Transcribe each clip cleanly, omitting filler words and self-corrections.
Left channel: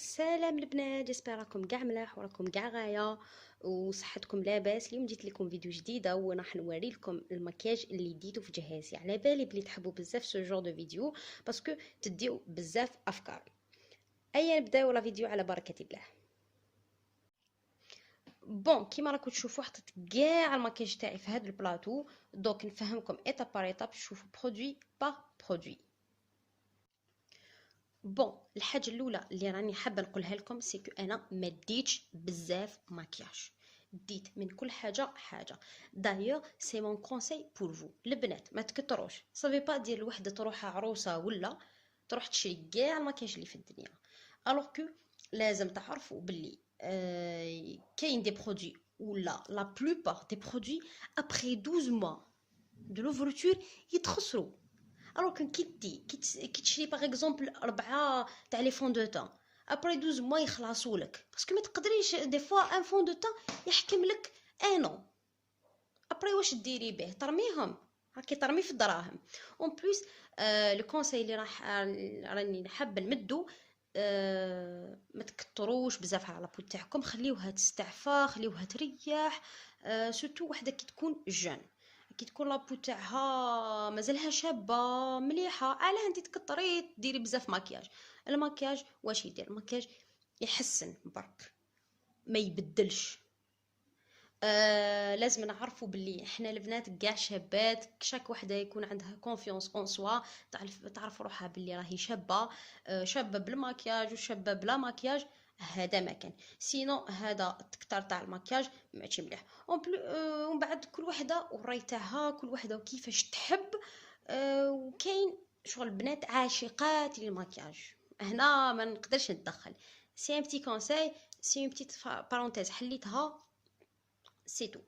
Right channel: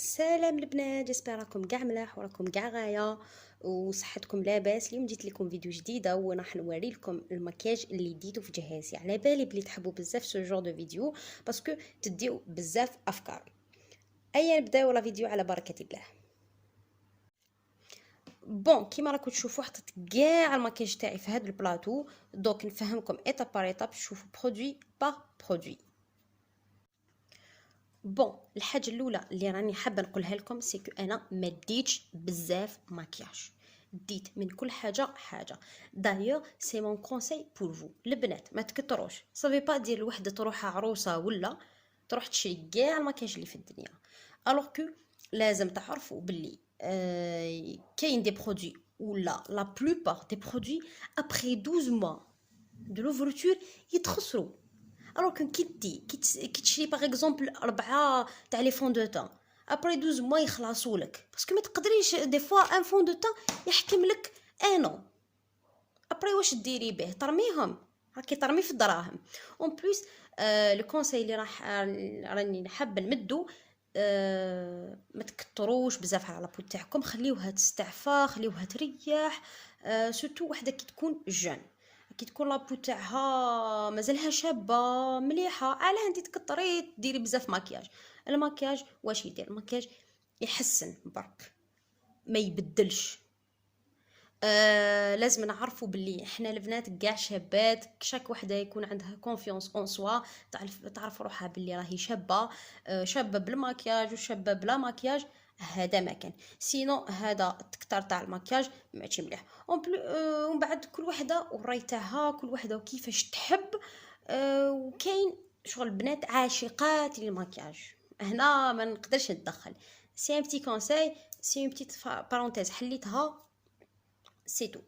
سلام البنات، جيسبر راكم كاع ملاح وراكم كاع غايه وصحتكم لاباس. اليوم جيت لكم فيديو جديده وراح نوري لكم المكياج اللي ديتو في جهازي. على بالي بلي تحبوا بزاف سو جور دو فيديو باسكو تديو بزاف افكار. ايا نبداو لا فيديو على بركه الله. بون كيما راكم تشوفوا حطيت كاع المكياج تاعي في هذا البلاطو، دونك نفهمكم ايتاب بار ايتاب، تشوفوا برودوي با برودوي. بون الحاجه الاولى اللي راني حابه نقولها لكم سيكو انا ما ديتش بزاف مكياج، ديت من كل حاجه حاجه. دايوغ سي مون كونساي بور فو البنات، ما تكتروش. صافي با دير الوحده تروح عروسه ولا تروح تشري كاع المكياج اللي في الدنيا. الوغ كو لازم تعرفوا باللي كاين دي برودوي ولا لا بلوبار دي برودوي ابري 12 موا دو لوفرتور يتخسروا. الوغ كي تشري باغ اكزومبل 4 تاع لي فون دو تان ابري 12 موا يخلصوا لك، باسكو ما تقدريش دي فوا ان فون دو تان يحكم لك انو. ابري واش ديري به؟ ترميهم، راكي ترمي في الدراهم. اون بليس لو كونساي اللي راني حابه نمدو، ما تكتروش بزاف على لابو تاعكم، خليوها تستعفى، خليوها تريح. سورتو وحده كي تكون جان، كي تكون لابو تاعها مازالها شابه مليحه، علاه انت تكتري ديري بزاف مكياج. المكياج واش يدير؟ المكياج يحسن برك ما يبدلش. لازم نعرفوا باللي احنا البنات كاع شابات، شاك وحده يكون عندها كونفيونس اون سوا، تعرف روحها باللي راهي شابه. شابه بالمكياج وشابه بلا مكياج، هذا ما كان. سينو هذا التكتار تاع المكياج ماشي مليح. ومن بعد كل وحده والراي تاعها، كل وحده وكيفاش تحب. وكاين شغل البنات عاشقات للمكياج، هنا ما نقدرش نتدخل. سي ان بتي كونساي، سي ان بتيت بارونتيز حليتها، سي تو.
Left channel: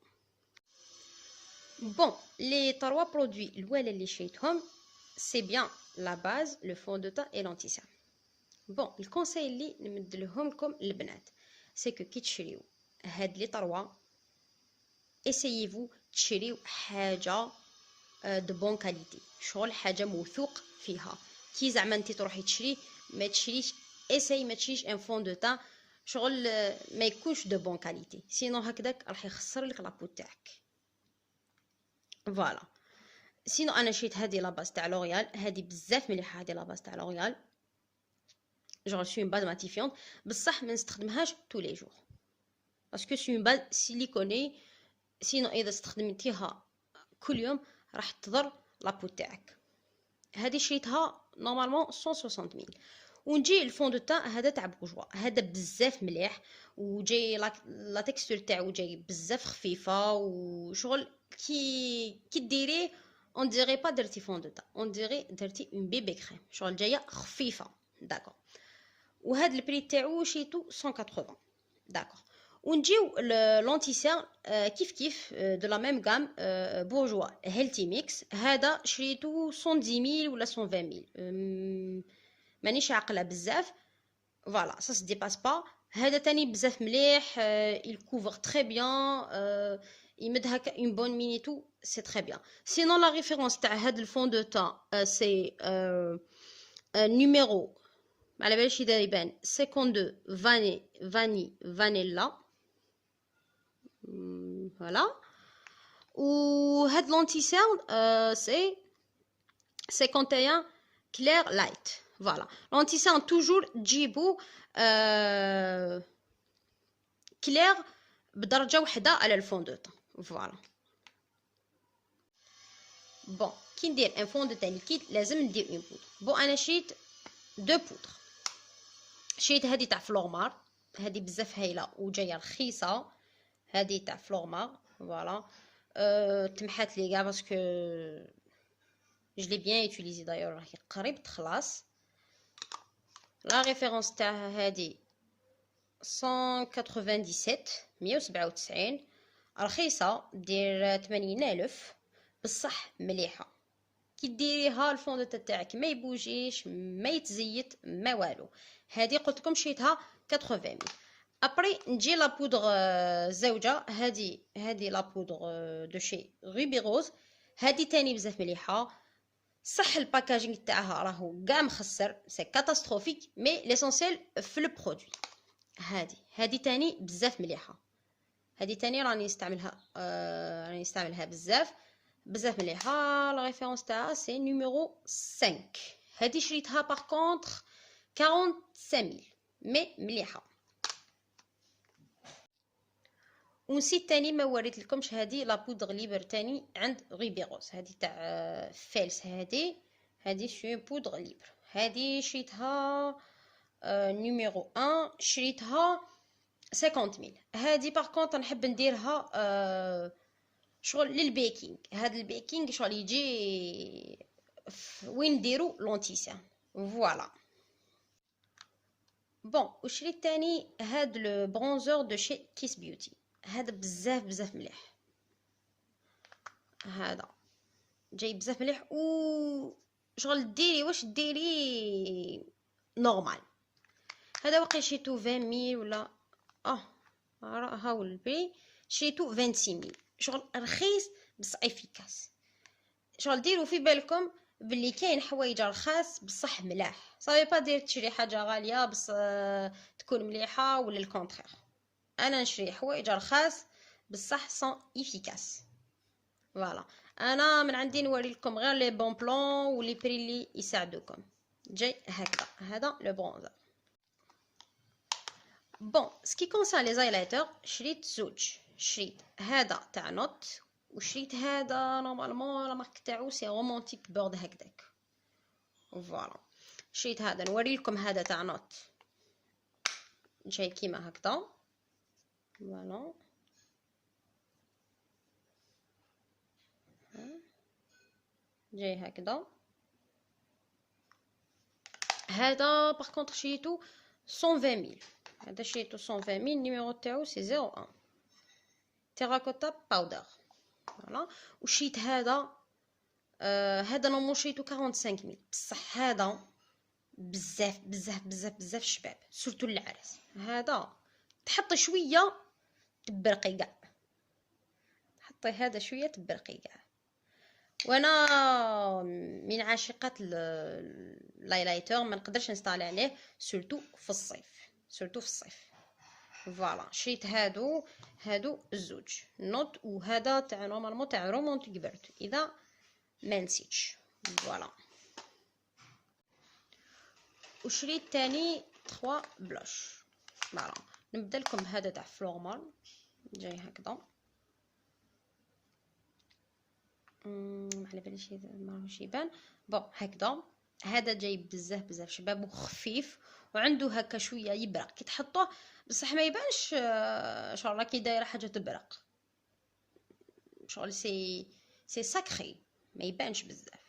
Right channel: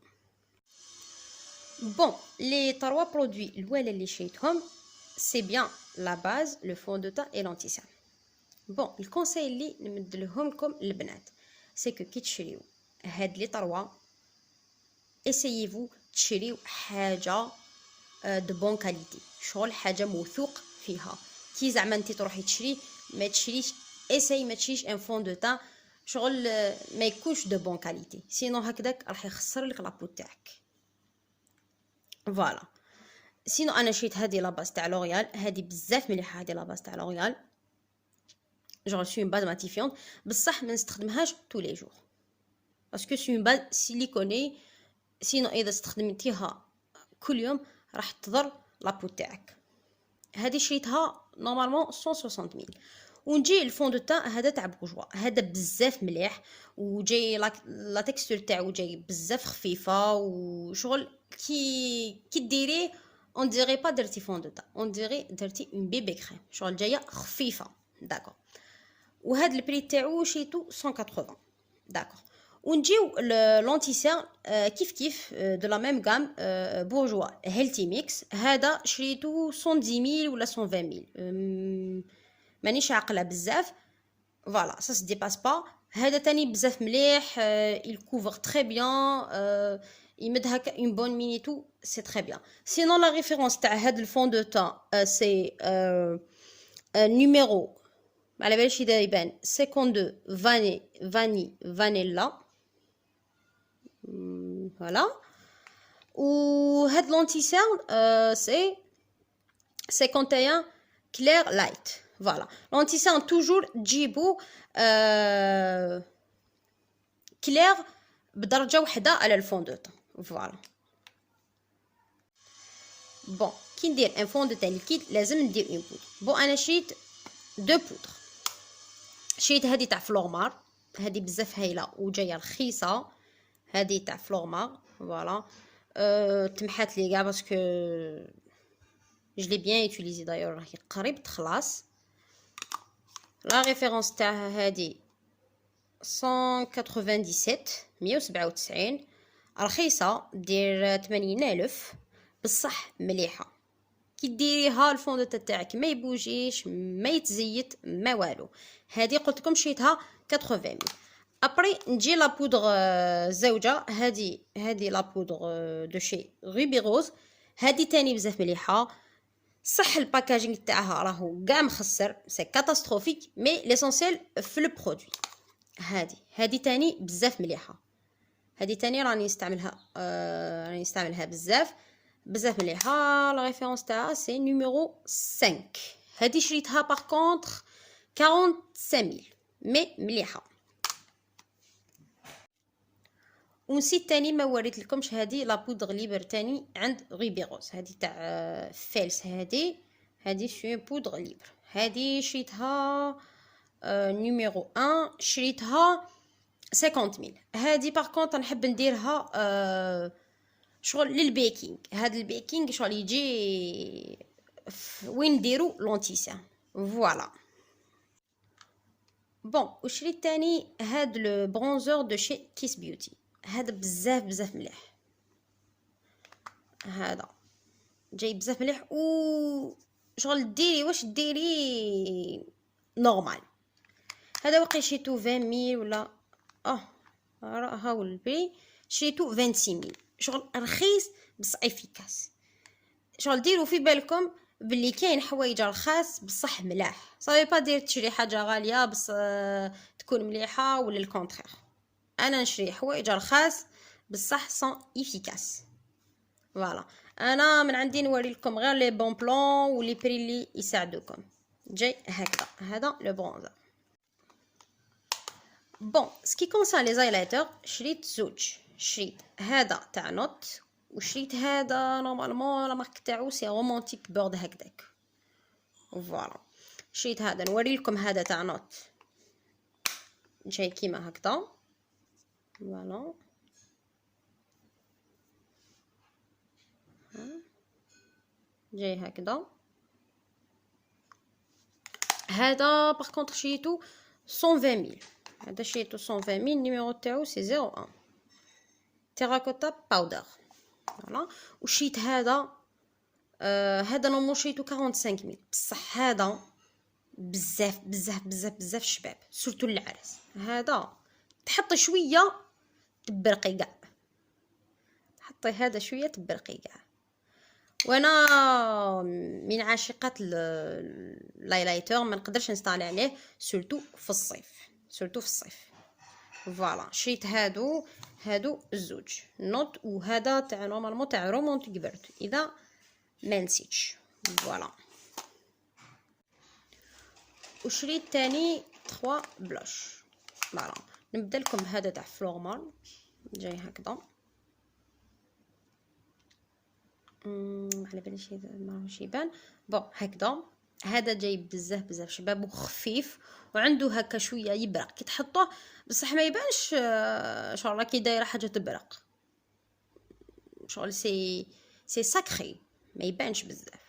بون لي 3 برودوي الاولى اللي شريتهم سي بيان لا باز، لو فون دو تان اي لونتيسان. بون الكونساي اللي نمدلهم لكم البنات سي كو كي تشريو هاد لي 3 اسييفو تشريو حاجه دو بون كاليتي، شغل حاجه موثوق فيها. كي زعما انت تروحي تشري، ما تشريش اساي ما تشريش ان فون دو تان شغل ما يكونش دو بون كاليتي، سينو هكذاك راح يخسر لك لابو تاعك. فوالا. سينو انا شريت هذه لاباس تاع لوريال، هذه بزاف مليحه، هذه لاباس تاع لوريال جون سي اون باز ماتيفيونت، بصح ما نستخدمهاش تو لي جور باسكو سي اون باز سيليكوني، سينو اذا استخدمتيها كل يوم راح تضر لابو تاعك. هذه شريتها نورمالمون 160 ميل. ونجي الفون دو تان هذا تاع بورجوا، هذا بزاف مليح، وجاي لا تكستور تاعو جاي بزاف خفيفه، وشغل كي ديريه اون ديري با درتي فون دو تان، اون ديري درتي اون بيبي كريم، شغل جايه خفيفه. داكور. وهذا البري تاعو شيتو 180. داكور. ونجيو لونتيسيان كيف كيف دو لا ميم غام بورجوا هيلتي ميكس، هذا شريتو 110 ميل ولا 120 ميل، مانيش عاقله بزاف. فوالا سا سي ديباس با. هذا تاني بزاف مليح، il couvre très bien، يمد هكا اون بون مينيتو، سي تري بيان. سينون لا ريفيرونس تاع هاد الفون دو تان سي نيميرو على باليش اذا يبان 52 فانيلا. فوالا. وهاد لونتيسيرن سي 51 كلير لايت. فوالا لونتيسيرن توجور تجيبو كلير بدرجه وحده على الفون دو تان. فوالا. بون كي ندير ان فون دو تان ليكيد لازم ندير اون بودر. بون انا شريت دو بودر، شريت هذه تاع فلورمار، هذه بزاف هايله وجايه رخيصه، هذه تاع فلورمار. فوالا. تمحات لي كاع باسكو je l'ai bien utilisé d'ailleurs، راهي قريب تخلص. لا ريفيرونس تاعها هذه 197 رخيصه، دير 80,000 بصح مليحه. كي ديريها الفون دو تاعك ما يبوجيش ما يتزيت ما والو. هذه قلت لكم شريتها 80. ابري نجي لا بودر زوجه، هذه لا بودر دو شي روبي روز، هذه تاني بزاف مليحه، صح الباكاجينغ تاعها راهو كاع مخسر، سي كاتاستروفيك، مي ليسونسيال في لو برودوي. هادي تاني بزاف مليحه، هادي تاني راني نستعملها بزاف مليحه. لا ريفيرونس تاعها سي نيميرو 5. هادي شريتها باغ كونطخ 45000 مي مليحه. ونسيت تاني ما وريت لكمش هادي لا بودغ ليبر تاني عند غيبيروس، هادي تاع فيلس. هادي سي بودغ ليبر، هادي شريتها نيميرو 1، شريتها 50000. هادي باغ كونط نحب نديرها شغل للبيكينغ. هاد البيكينغ شغل يجي وين نديرو لونتيسيان فوالا. بون وشريت تاني هاد لو برونزور دو شي كيس بيوتي، هذا بزاف مليح، هذا جاي بزاف مليح و شغل ديري واش ديري نورمال. هذا واقي شريتو 20000 ولا هاو البري، شريتو 26000، شغل رخيص بس افيكاس. شغل ديروا في بالكم باللي كاين حوايج رخاص بصح ملاح، صافي با دير تشري حاجه غاليه بس تكون مليحه ولا الكونترير. انا نشري حوايج رخاص بصح سون افيكاس فوالا. انا من عندي نوري لكم غير لي بون بلون ولي بري اللي يساعدوكم. جاي هكذا، هذا لو برونزر. بون سكي كونسان لي زايلايتر شريت زوج، شريت هذا تاع نوت وشريت هذا نورمالمون لا مارك تاعو سي رومانتيك بورد هكذاك فوالا. شريت هذا نوري لكم، هذا تاع نوت جاي كيما هكذا فوالا. جاي هكذا. هذا باغ كونطخ شريتو 120000، هذا شريتو 120000، النيميرو تاعو سي 01 تيراكوتا باودر فوالا. وشريت هذا هذا نورمال شريتو 45000 بصح هذا بزاف شباب سورتو العرس. هذا تحطي شويه تبرقي كاع، حطي هذا شويه تبرقي كاع. وانا من عاشقات اللايلايتر ما نقدرش نستعلي عليه سورتو في الصيف فوالا. شريت هادو الزوج نوت، وهذا تاع نورمالمون تاع رومونتيك بيرد اذا ما نسيتش فوالا. وشريت تاني 3 بلاش فوالا. نبدا لكم هذا تاع فلورمال جاي هكذا، على باليش ماهوش يبان بون هكذا. هذا جاي بزاف شباب وخفيف وعنده هكا شويه يبرق كي تحطوه بصح ما يبانش شغل كي دايره حاجه تبرق، شغل سي ساكري ما يبانش بزاف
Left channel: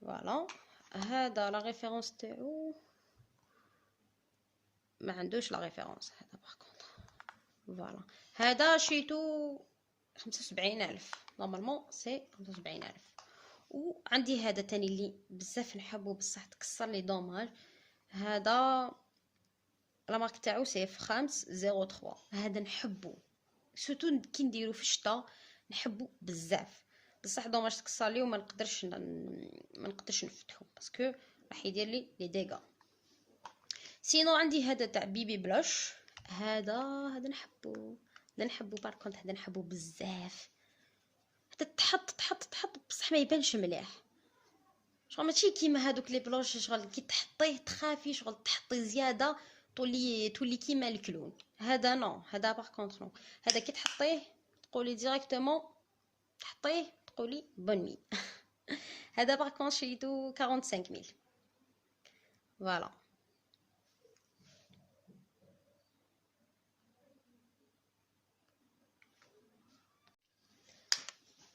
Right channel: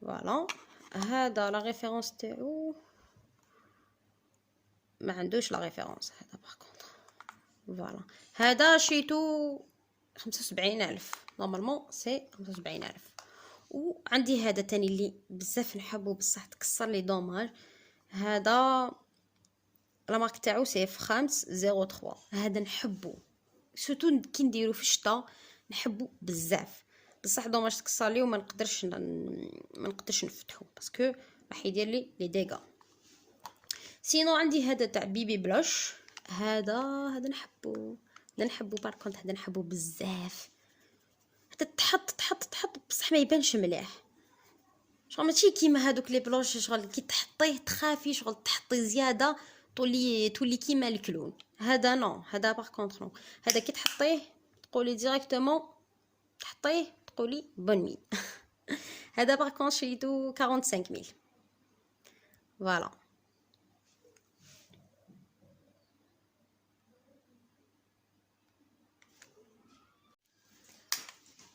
فوالا. هذا لا ريفيرونس تاعو ما عندوش لا ريفيرونس هذا باغ كونطخ فوالا. هذا شريتو 75000 نورمالمون سي 75000. وعندي هذا تاني اللي بزاف نحبو بصح تكسر لي دوماج، هذا لا مارك تاعو سي F503، هذا نحبو سورتو كي نديرو في الشتا نحبو بزاف بصح دوماج تكسر لي وما نقدرش نفتحو باسكو راح يدير لي ديغا. سينو عندي هذا تاع بيبي بلوش، هذا نحبو باركونت، هذا نحبو بزاف. حتى تحط بصح ما يبانش مليح، شغل ماشي كيما هادوك لي بلوش شغل كي تحطيه تخافي شغل تحطي زياده تولي كيما الكلون. هذا نو، هذا باغ كونطخ نو، هذا كي تحطيه تقولي ديريكتومون تحطيه تقولي بون نوي. هذا باغ كونطخ شريتو 45000 فوالا.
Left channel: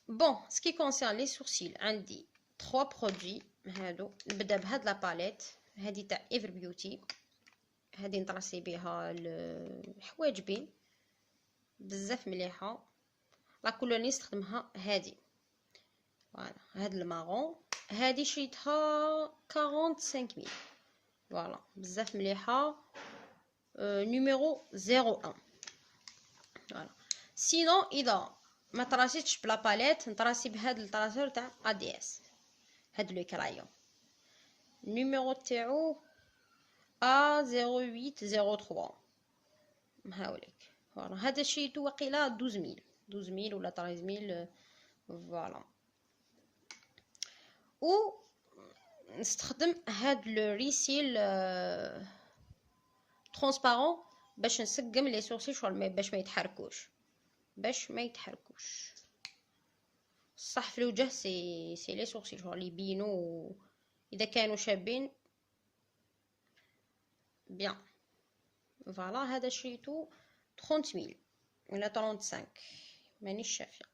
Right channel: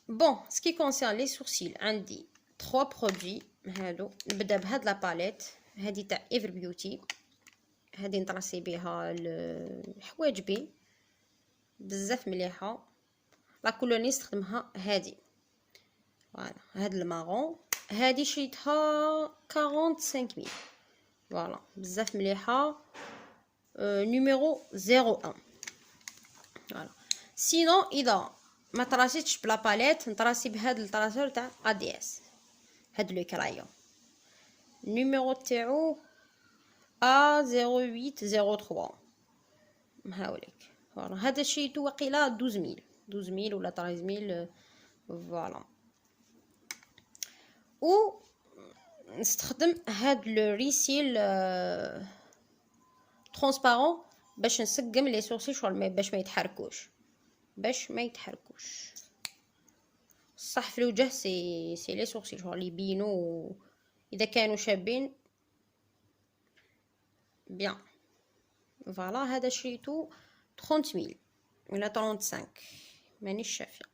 بون سكي كونسيرن لي سورسيل عندي 3 برودوي هادو. نبدا بهاد لا باليت هادي تاع ايفر بيوتي، هادي نطراسي بها الحواجبي بزاف مليحه. لا كولور اللي نستخدمها هادي فوالا، هاد المارون هادي شريتها 45000 فوالا بزاف مليحه. نيميرو 01 فوالا. سينو اذا ما طراسيتش بلا باليت نطراسي بهاد الطراسور تاع ADS، هاد لو كرايون. النيميرو تاعو A0803 نهاولك. فوالا هذا شريتو واقيلا 12000 ولا 13000 فوالا. و نستخدم هاد لو ريسيل ترونسبارون باش نسقم لي سورسي شغل باش ما يتحركوش. صح في الوجه سي لي سورسي شغل يبينوا اذا كانوا شابين بيان. فوالا هذا شريتو 30000 ولا 35 مانيش شافيه.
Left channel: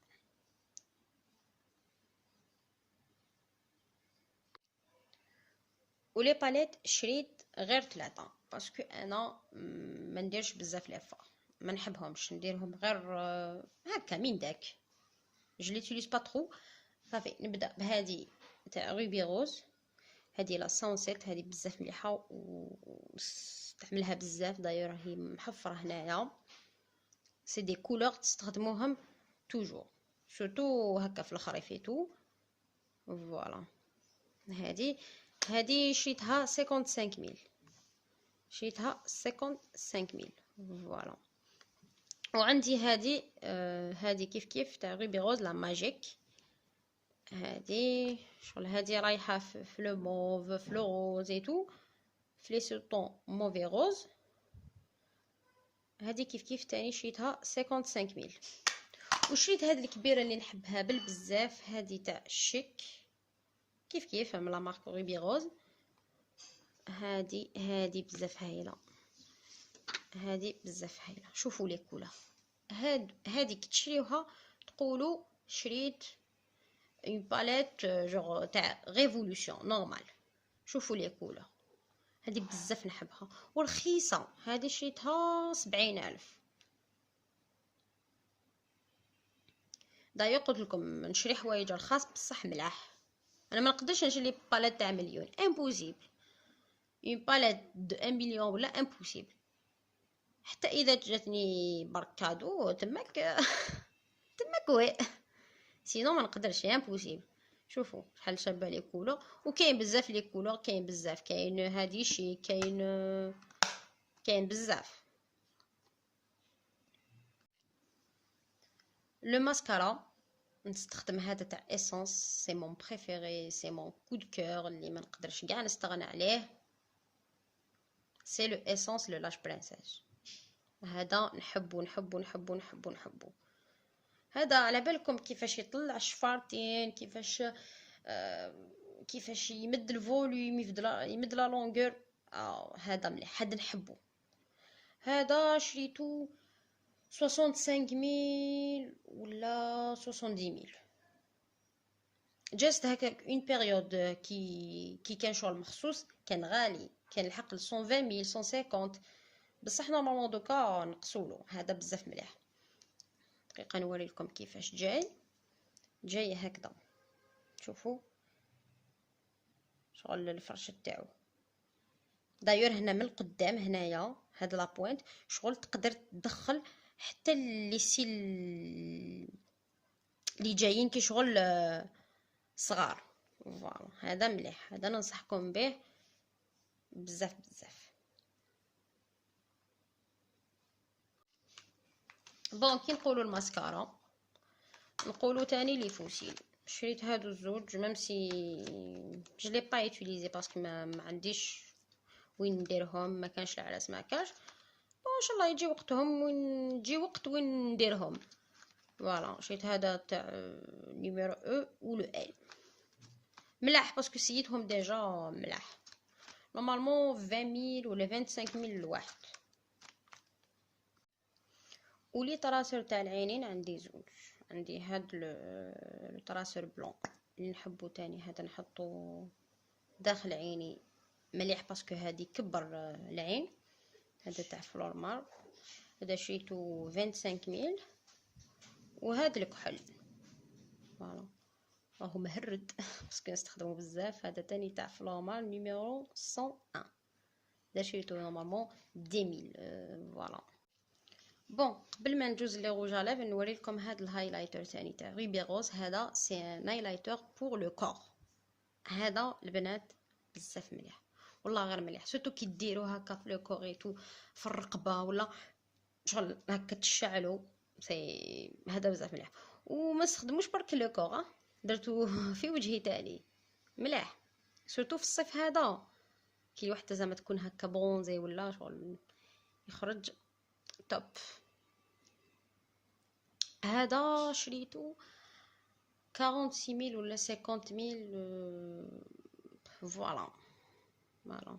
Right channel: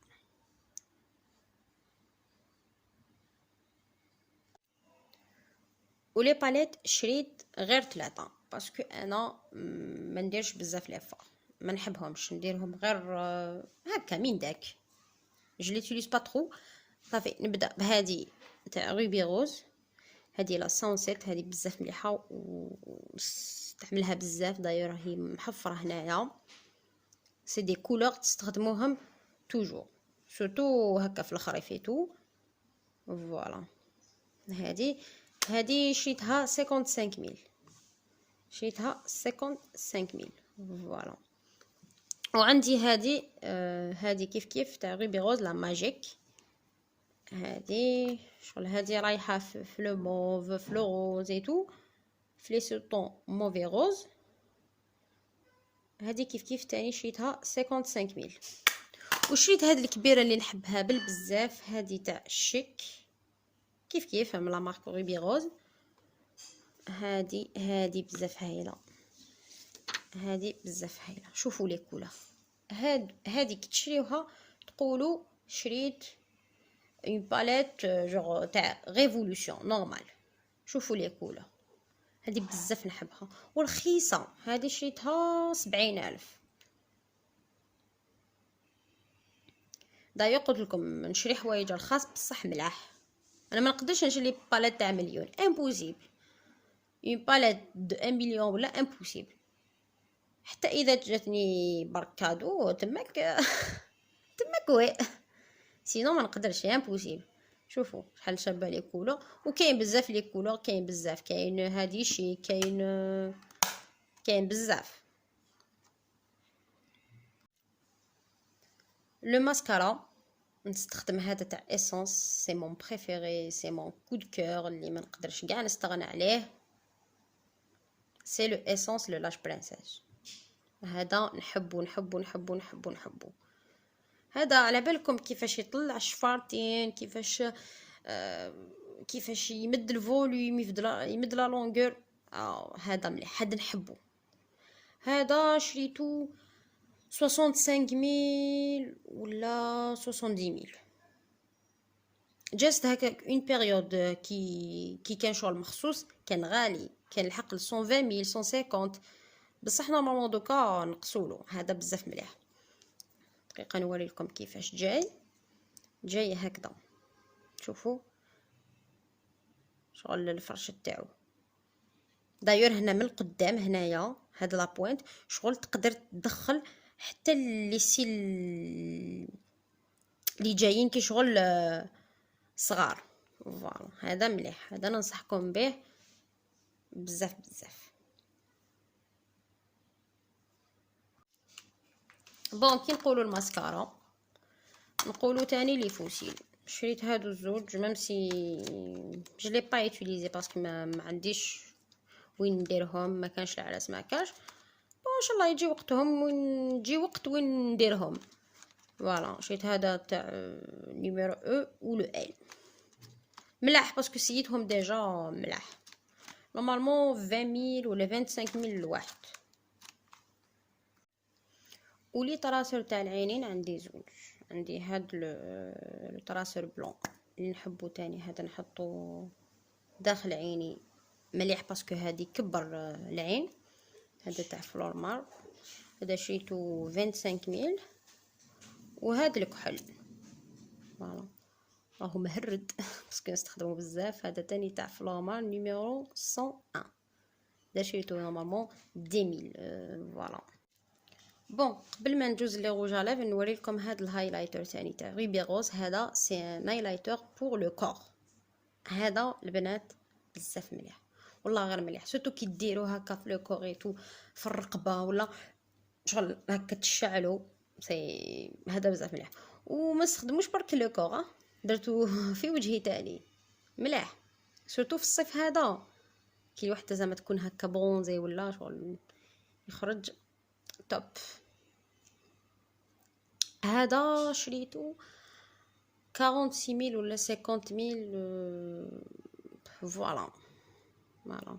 ولي باليت شريت غير 3 باسكو انا ما نديرش بزاف لافور، ما نحبهمش نديرهم غير هكا من داك. جو ليتيليز با ترو. صافي نبدا بهذه تاع روبي روز، هذه لا سانسيت، هذه بزاف مليحه ونستعملها بزاف. داير راهي محفره هنايا. سي دي كولور تستخدموهم توجور سورتو هكا في الخريف ايتو. فوالا هذه شريتها 55000 شريتها 55000 فوالا. وعندي هذه كيف تاع روبي روز لا ماجيك. هذه شغل هذه رايحه في لو موف في لو روز ايتو في لي سوطون موفي روز. هذه كيف تاني شريتها 55000. وشريت هذه الكبيره اللي نحبها بزاف، هذه تاع الشيك كيف من لا مارك روبي روز. هذه بزاف هايله، شوفوا لي كولور. هذه كي تشريوها تقولوا شريت اون باليت جوغ تاع ريفولوشن نورمال. شوفوا لي كولور هذه بزاف نحبها ورخيصه. هذه شريتها 70000. دايا قلت لكم نشري حوايج رخاص بصح ملاح. انا ما نقدرش نشري باليت تاع مليون، امبوسيبل. اون باليت دو 1 مليون ولا امبوسيبل. حتى اذا جاتني بركادو تماك وي سينو ما نقدرش، امبوسيبل. شوفوا شحال شابه لي كولور. وكاين بزاف لي كولور، كاين بزاف، كاين هادي شي، كاين بزاف. لو ماسكارا نستخدم هذا تاع اسونس، سي مون بريفيري، سي مون كو دو كور اللي ما نقدرش كاع نستغنى عليه. سي لو اسونس لو لاش برانسيس. هذا نحبو. هذا على بالكم كيفاش يطلع الشفارتين، كيفاش يمد الفوليوم، يمد لا لونغور. هذا مليح، هذا نحبو. هذا شريتو 65000 ولا 70000. جاست هكا اون بيريود كي كان شغل مخصوص كان غالي، كان الحق 120000 150. بصح نورمالمون دوكا نقصولو. هذا بزاف مليح. دقيقه نوري لكم كيفاش جاي هكذا. شوفوا شغل الفرش تاعو. داير هنا من القدام هنايا هاد لا بوينت شغل تقدر تدخل حتى اللي سيل اللي جايين كي شغل صغار. فوالا هذا مليح، هذا ننصحكم به بزاف. بون كي نقولوا الماسكارا نقولوا تاني لي فوسيل. شريت هادو الزوج ميمسي جو لي با يوتيليزي باسكو ما عنديش وين نديرهم، ما كانش العراس ما كانش. ان شاء الله يجي وقتهم ونجي وقت وين نديرهم. فوالا شريت هذا تاع نيميرو او ولو ال ملاح باسكو سيتهم ديجا ملاح. نورمالمون 20000 ولا 25000 الواحد. ولي طراسر تاع العينين عندي زوج. عندي هاد لو طراسر بلون اللي نحبو تاني، هذا نحطو داخل عيني مليح باسكو هادي كبر العين. هذا تاع فلورمار، هذا شريتو 25000. وهذا الكحل فوالا راهو مهرد باسكو نستخدمو بزاف. هذا تاني تاع فلورمار نيميرو 101، هذا شريتو نورمالمون 10000 فوالا. بون قبل ما ندوز لي روج على لافر نوري لكم هذا الهايلايتر ثاني تاع روبي روز. هذا سي ان هايلايتر بور لو كور. هذا البنات بزاف مليح والله، غير مليح سورتو كي ديروه هكا في لو كوريتو في الرقبه ولا شغل هكا تشعلو سي، هذا بزاف مليح. وما استخدموش برك لو كور، درتو في وجهي تاني مليح، سورتو في الصيف هذا كي وحده زعما تكون هكا بونزي ولا شغل يخرج توب. هذا شريتو 46000 ولا 50000. فوالا فوالا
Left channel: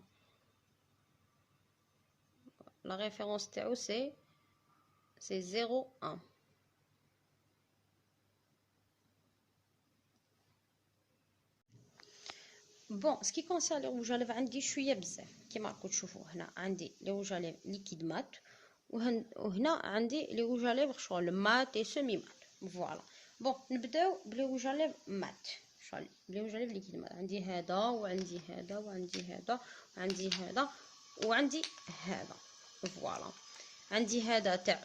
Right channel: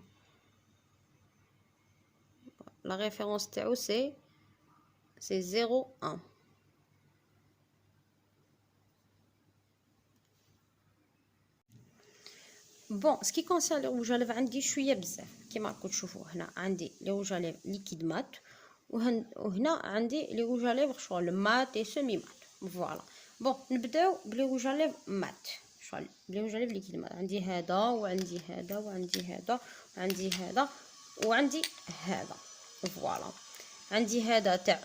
لا ريفيرونس تاعو سي 01. بون سكي كونسير لي روج اليف عندي شويه بزاف كيما راكم تشوفوا. هنا عندي لي روج اليف ليكيد مات، وهنا عندي لي روج اليف شغل مات اي سيمي مات. فوالا بون نبداو بلي روج اليف مات. شغل لي روج اليف ليكيد مات عندي هذا وعندي هذا وعندي هذا وعندي هذا وعندي هذا. فوالا عندي هذا تاع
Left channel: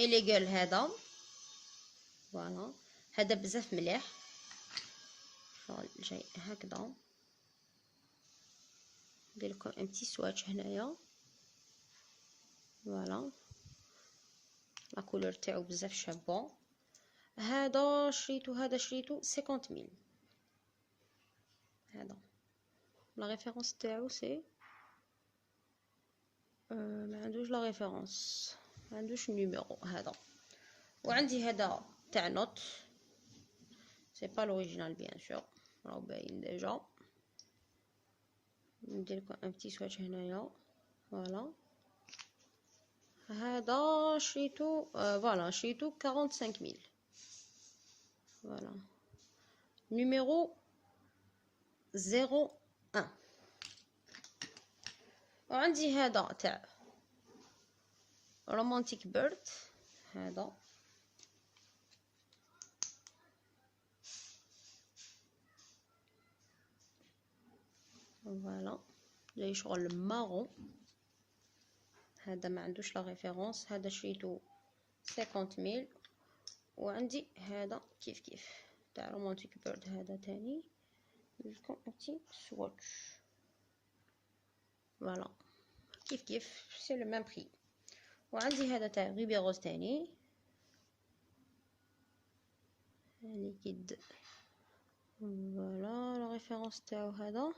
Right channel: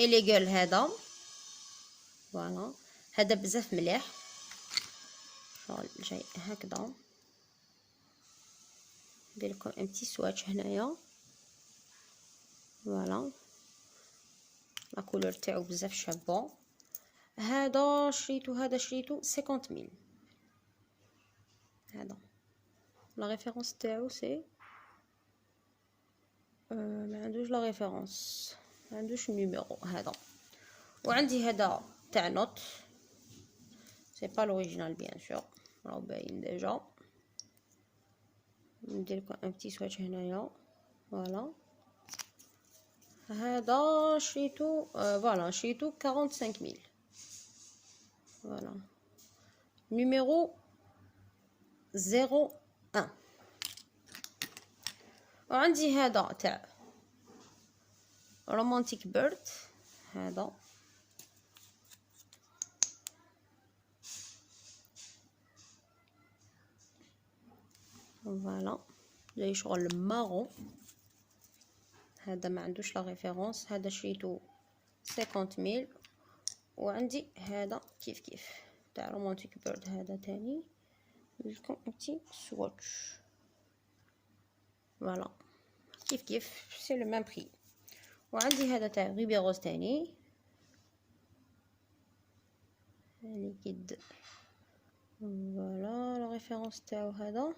إليغال هذا. فوالا هذا بزاف مليح شغل جاي هكذا، ندير لكم ان بتي سواتش هنايا. فوالا لا كولور تاعو بزاف شابه. هذا شريتو 50000. هذا لا ريفيرونس تاعو سي ما عندوش لا ريفيرونس، ما عندوش النيميرو هذا. وعندي هذا تاع نوت سي با لوريجينال بيان سور، راهو باين ديجا. ندير لكم ان بتي سواتش هنايا. فوالا هذا شريتو فوالا شريتو 45000. فوالا نيميرو 01. وعندي هذا تاع رومانتيك بيرد. هذا فوالا جاي شغل مارون. هذا ما عندوش لا ريفيرونس، هذا شريتو 50000. وعندي هذا كيف تاع رومانتيك بيرد هذا تاني لكم انتي سواتش. فوالا كيف سي لو ميم بري. وعندي هذا تاع غيبي روز تاني ليكيد. فوالا لا ريفيرونس تاعو هذا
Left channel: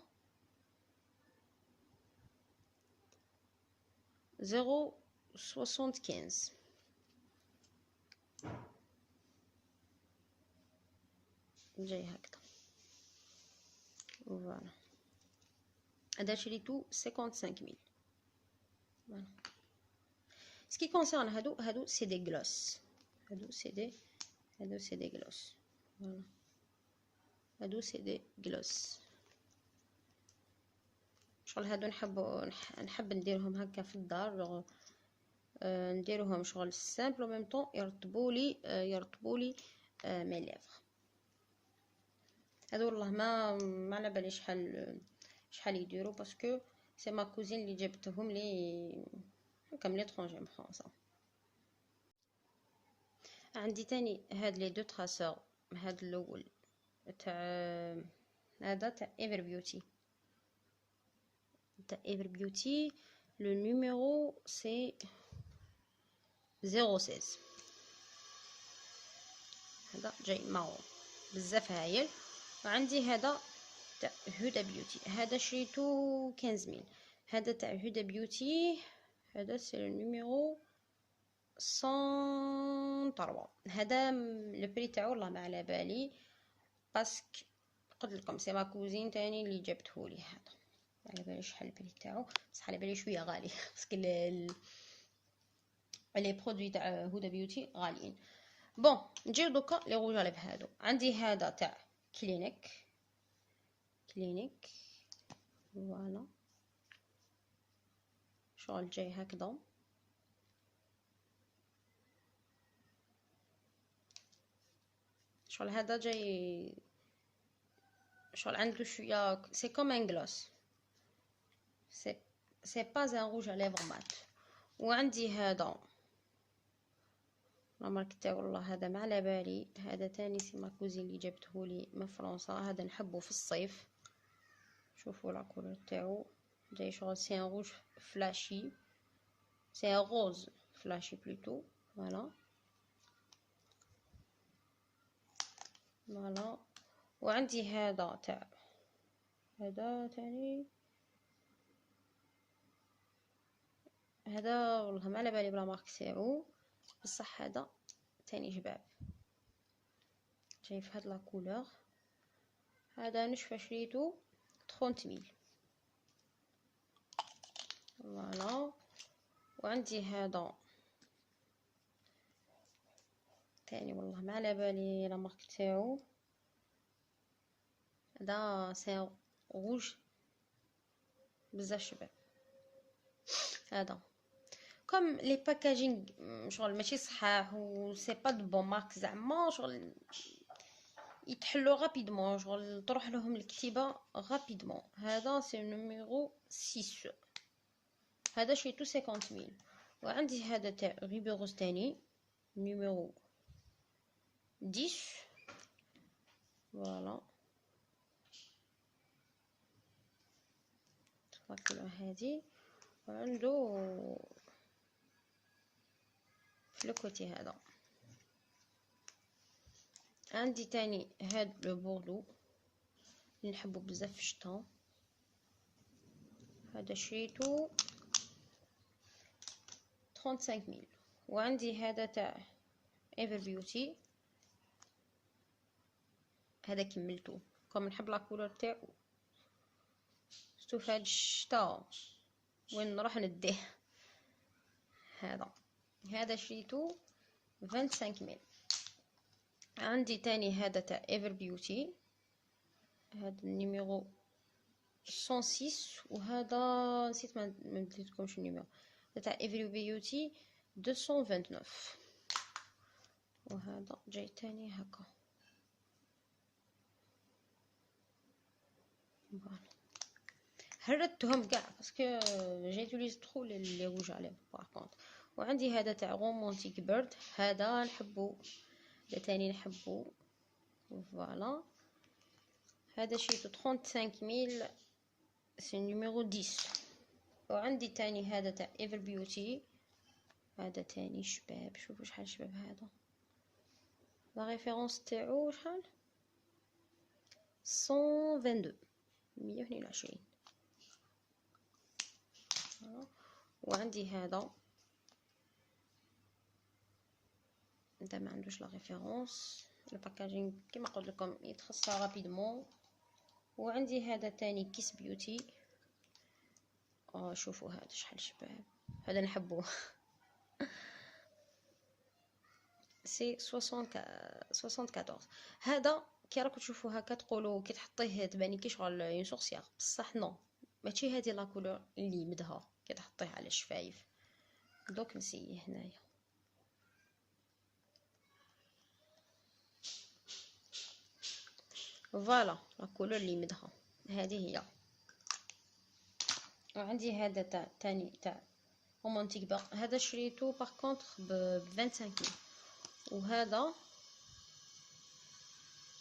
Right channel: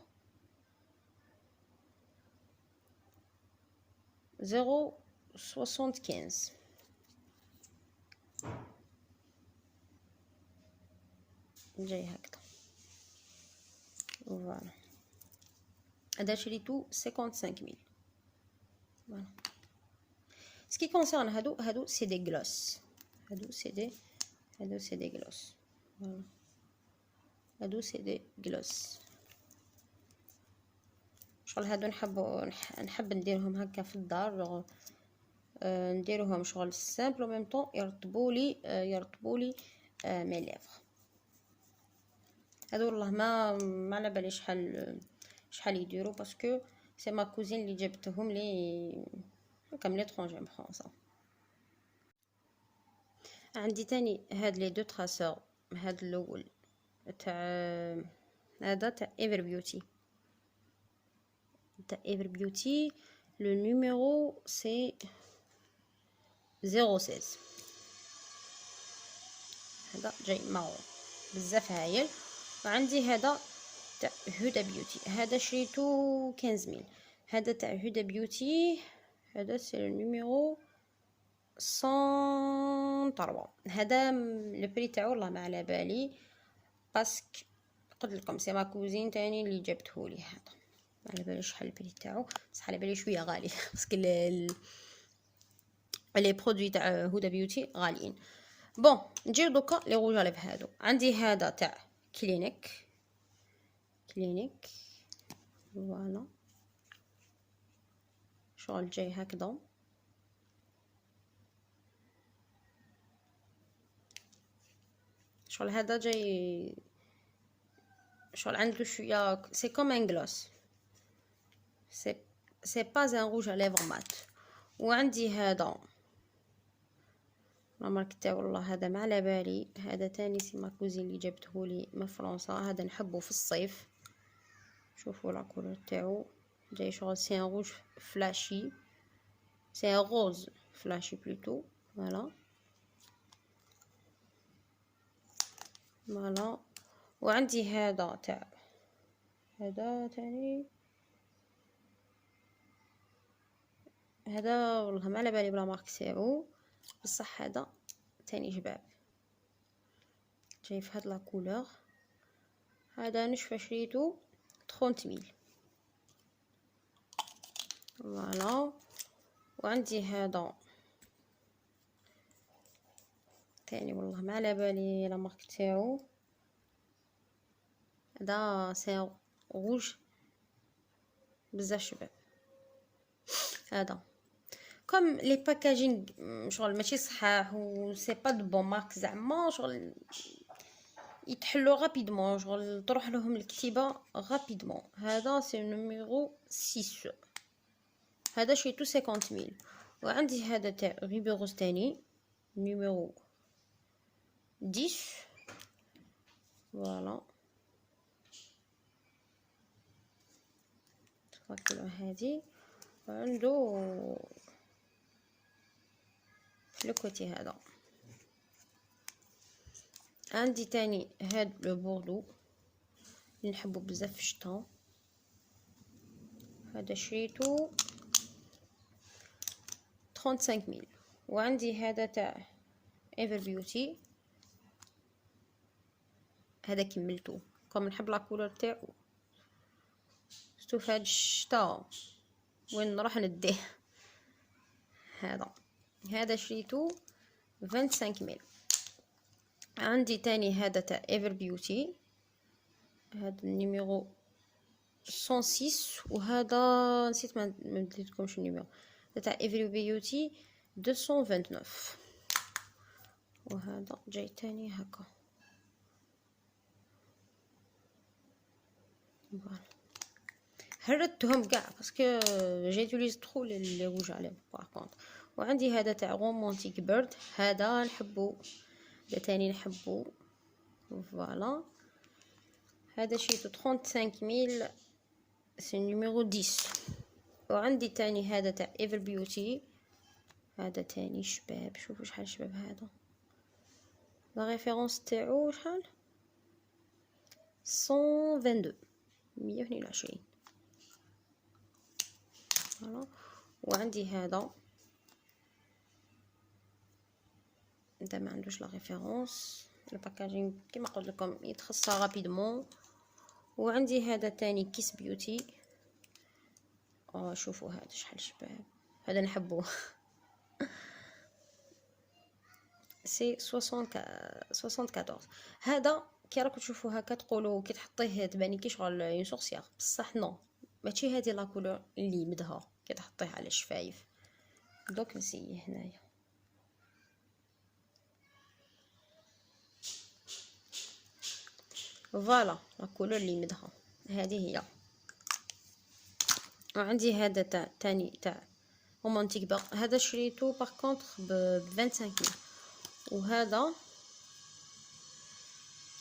0.75 جاي هكذا. فوالا هذا شريتو 55000. فوالا سكي كونسيرن هادو سي دي غلوس، هادو سي دي غلوس. فوالا هادو سي دي غلوس شغل هادو نحب نديرهم هكا في الدار، نديروهم شغل سامبل و ميم طون يرطبولي مي ليفر. هادو والله ما على بالي شحال يديروا باسكو سي ما كوزين اللي جبتهم لي هكا من لترونجي من فرنسا. عندي تاني هاد لي دو تراسور. هاد الاول تاع هذا تاع ايفر بيوتي لو نيميرو سي 016. هذا جاي مارون بزاف هايل. وعندي هذا تاع هدى بيوتي، هذا شريتو 15000. هذا تاع هدى بيوتي هذا سي النيميرو 103. هذا لو بري تاعو والله ما على بالي باسكو قلت لكم سي ما كوزين تاني اللي جابتهولي. هذا ما على بالي شحال البري تاعو، بصح على بالي شويه غالي باسكو لي برودوي تاع هدى بيوتي غاليين. بون نجيو دوكا لي روج اليف. هادو عندي هذا تاع كلينيك. فوالا شغل جاي هكذا. شغل هذا جاي شغل عنده شويه سي كوم ان غلوس، سي با ان روج اليفر مات. وعندي هذا لا مارك تاعو والله هذا ما على بالي. هذا تاني سي ما كوزين اللي جابتهولي من فرنسا. هذا نحبه في الصيف. شوفوا لا كولور تاعو جاي شغل سي ان روج فلاشي، سي ان روز فلاشي بلوتو. فوالا فوالا. وعندي هذا تاع هذا تاني، هذا والله ما على بالي بلا مارك تاعو، بصح هذا تاني جباب جاي في هاد لا كولور. هذا نشفى شريتو 30,000. فوالا. وعندي هذا تاني والله ما على بالي لا مارك تاعو. هذا سي روج بزاف شباب. هذا كوم لي باكاجينغ شغل ماشي صحاح و سي با دو بون مارك زعما شغل يتحلو غابيدمون، شغل تروح لهم الكتيبه غابيدمون. هذا سي نيميرو 6. هذا شريتو 50,000. وعندي هذا تاع ريبيروز تاني نيميرو 10. فوالا تفكروا هذه. وعنده لو كوتي هذا. عندي تاني هاد لو بوردو اللي نحبو بزاف في الشتا. هذا شريتو 35,000. وعندي هذا تاع ايفر بيوتي. هذا كملتو كوم نحب لا كولور تاعو شتو في هاد الشتا وين نروح نديه. هذا شريتو 25,000. عندي تاني هذا تاع ايفر بيوتي. هذا النيميرو 106. وهذا نسيت ما مديتلكمش النيميرو تاع ايفر بيوتي 229. وهذا جاي تاني هكا. فوالا هردتهم كاع باسكو جيتوليز ترو لي روج عليه باغ كونط. وعندي هذا تاع رومانتيك بيرد. هذا نحبو، هذا تاني نحبو. فوالا هذا شريتو 35,000 سي نيميرو 10. وعندي تاني هذا تاع ايفر بيوتي. هذا تاني شباب. شوفوا شحال شباب. هذا لا ريفيرونس تاعو شحال 122 122. فوالا. وعندي هذا ما عندوش لا ريفيرونس. الباكاجينغ كيما قلت لكم يتخصى رابيدمون. وعندي هذا تاني كيس بيوتي. شوفوا هذا شحال شباب. هذا نحبوه سي 74. هذا كي راكم تشوفوا هكا تقولوا كي تحطيه تباني كي شغل اون سورسيير، بصح نو ماشي هذه لا كولور اللي مدها كي تحطيه على الشفايف. دوك نسيه هنايا. فوالا لا كولور اللي مدها هذه هي. وعندي هذا تاع تاني تاع رومانتيك بير. هذا شريتو باغ كونطخ ب 25,000. وهذا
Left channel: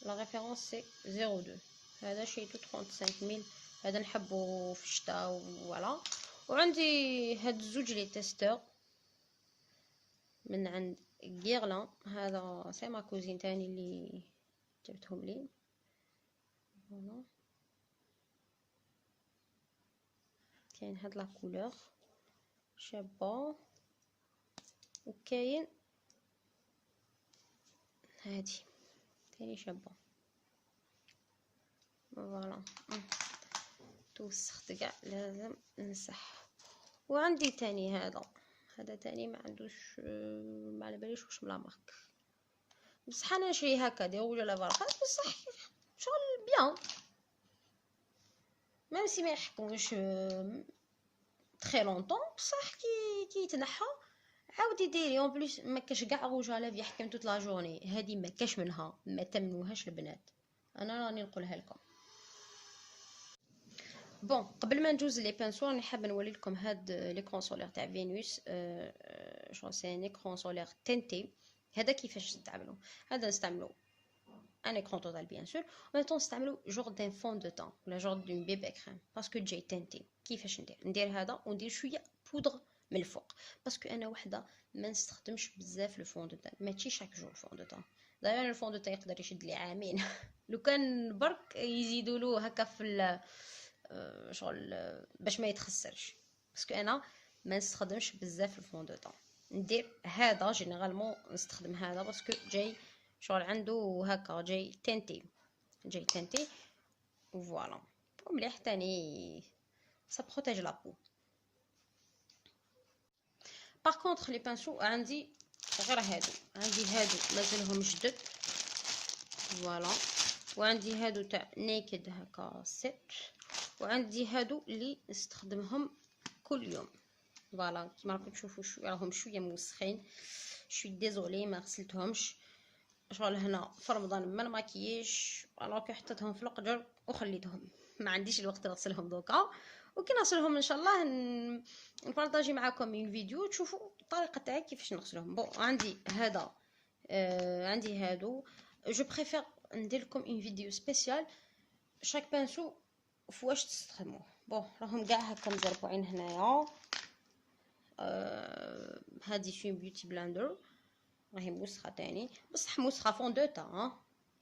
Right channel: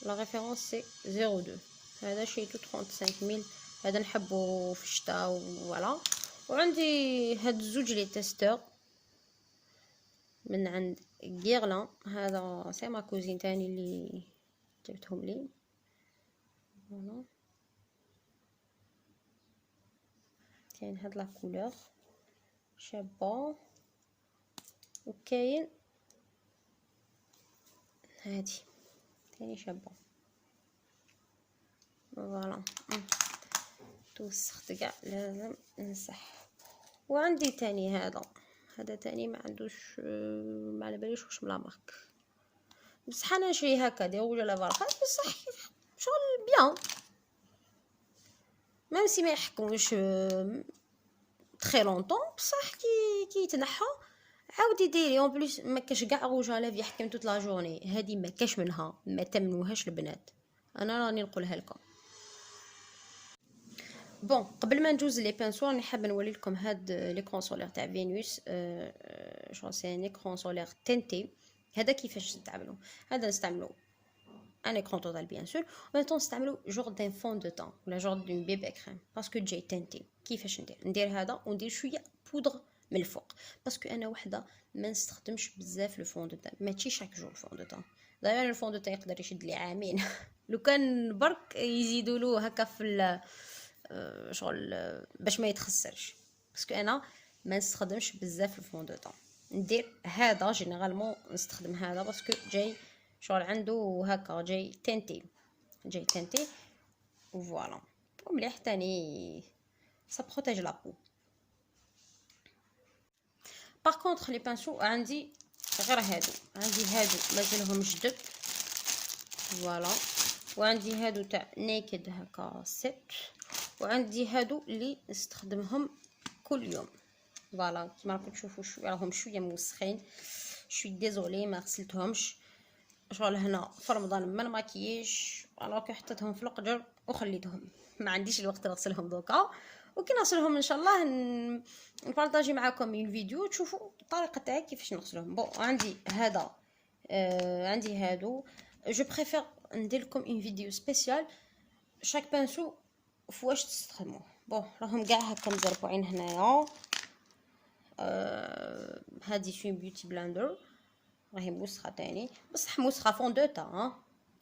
لا ريفيرونس سي 02. هذا شريتو 35,000. هذا نحبو في الشتاء. فوالا. وعندي هاد الزوج لي تيستور من عند غيرلان. هذا سي ما كوزين تاني اللي جبتهم لي. فوالا كاين هاد لا كولور شابه. وكاين هادي تاني شابه. فوالا توسخت كاع لازم نمسح. وعندي تاني هذا تاني ما عندوش ما على باليش واش بلا مارك، بصح انا نشري هكا دي ولا لا فرق بصح شغل بيان ميم سي ما يحكموش تري لونطون. بصح كي يتنحى عاودي ديري اون بليس ما كاش كاع روج على في يحكم توت لا جورني. هذه ما كاش منها، ما تمنوهاش البنات، انا راني نقولها لكم. بون قبل ما ندوز لي بانسوار نحب نوري لكم هاد ليكرون سولير تاع فينوس. شو سي ان ايكرون سولير تنتي هذا كيفاش نستعملو. هذا نستعملو ان ايكرون توتال بيان سور، وميم نستعملو جور دان فون دو طون ولا جور دون بيبي كريم باسكو جاي تنتي. كيفاش ندير هذا وندير شويه بودر من الفوق باسكو انا وحده ما نستخدمش بزاف لو فون دو طون، ماشي شاك جور فون دو طون. دايوغ الفون دو طون يقدر يشد لي عامين لو كان برك يزيدوا له هكا في شغل باش ما يتخسرش، باسكو انا ما نستخدمش بزاف الفون دو طون. ندير هذا جينيرالمون نستخدم هذا باسكو جاي شغل عنده هكا جاي تنتي فوالا ومليح تاني سا بروتيج لا بو. باغ كونطخ لي بانسو عندي غير هادو، عندي هادو مازالهم جدد فوالا، وعندي هادو تاع نيكد هكا ست، وعندي هادو اللي نستخدمهم كل يوم فوالا. كيما راكم تشوفوا راهم شويه موسخين، شوي ديزولي ما غسلتهمش شغل هنا في رمضان ما نماكييش، الوغ حطيتهم في القجر وخليتهم، ما عنديش الوقت نغسلهم دوكا. وكي نغسلهم ان شاء الله نبارطاجي معكم الفيديو تشوفوا الطريقه تاعي كيفاش نغسلهم. بون عندي هذا عندي هادو جو بريفير ندير لكم اون فيديو سبيسيال شاك بانسو فواش تستخدموه. بون راهم كاع هكا مزربوعين هنايا. هادي فين بيوتي بلاندر راهي موسخه تاني بصح موسخه فون دو طون،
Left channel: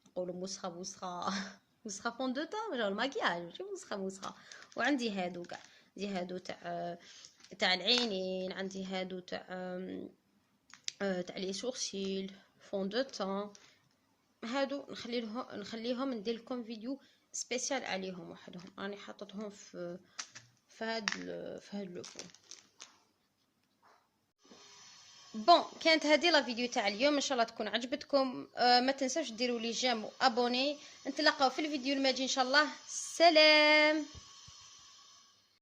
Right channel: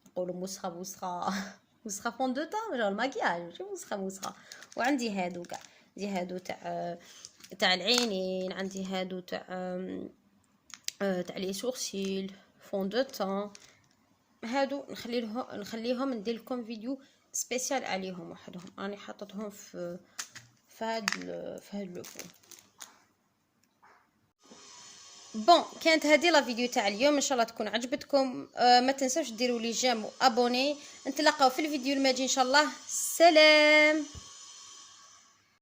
نقولوا موسخه فون دو طون جا الماكياج ماشي موسخه. وعندي هادو كاع، عندي هادو تاع العينين، عندي هادو تاع لي سورسيل فون دو طون. هادو نخليهم ندير لكم فيديو سبيسيال عليهم وحدهم، راني حاطتهم في هاد لو فون. بون كانت هذه لا فيديو تاع اليوم، ان شاء الله تكون عجبتكم. ما تنسوش ديروا لي جيم وابوني. نتلاقاو في الفيديو الماجي ان شاء الله. سلام.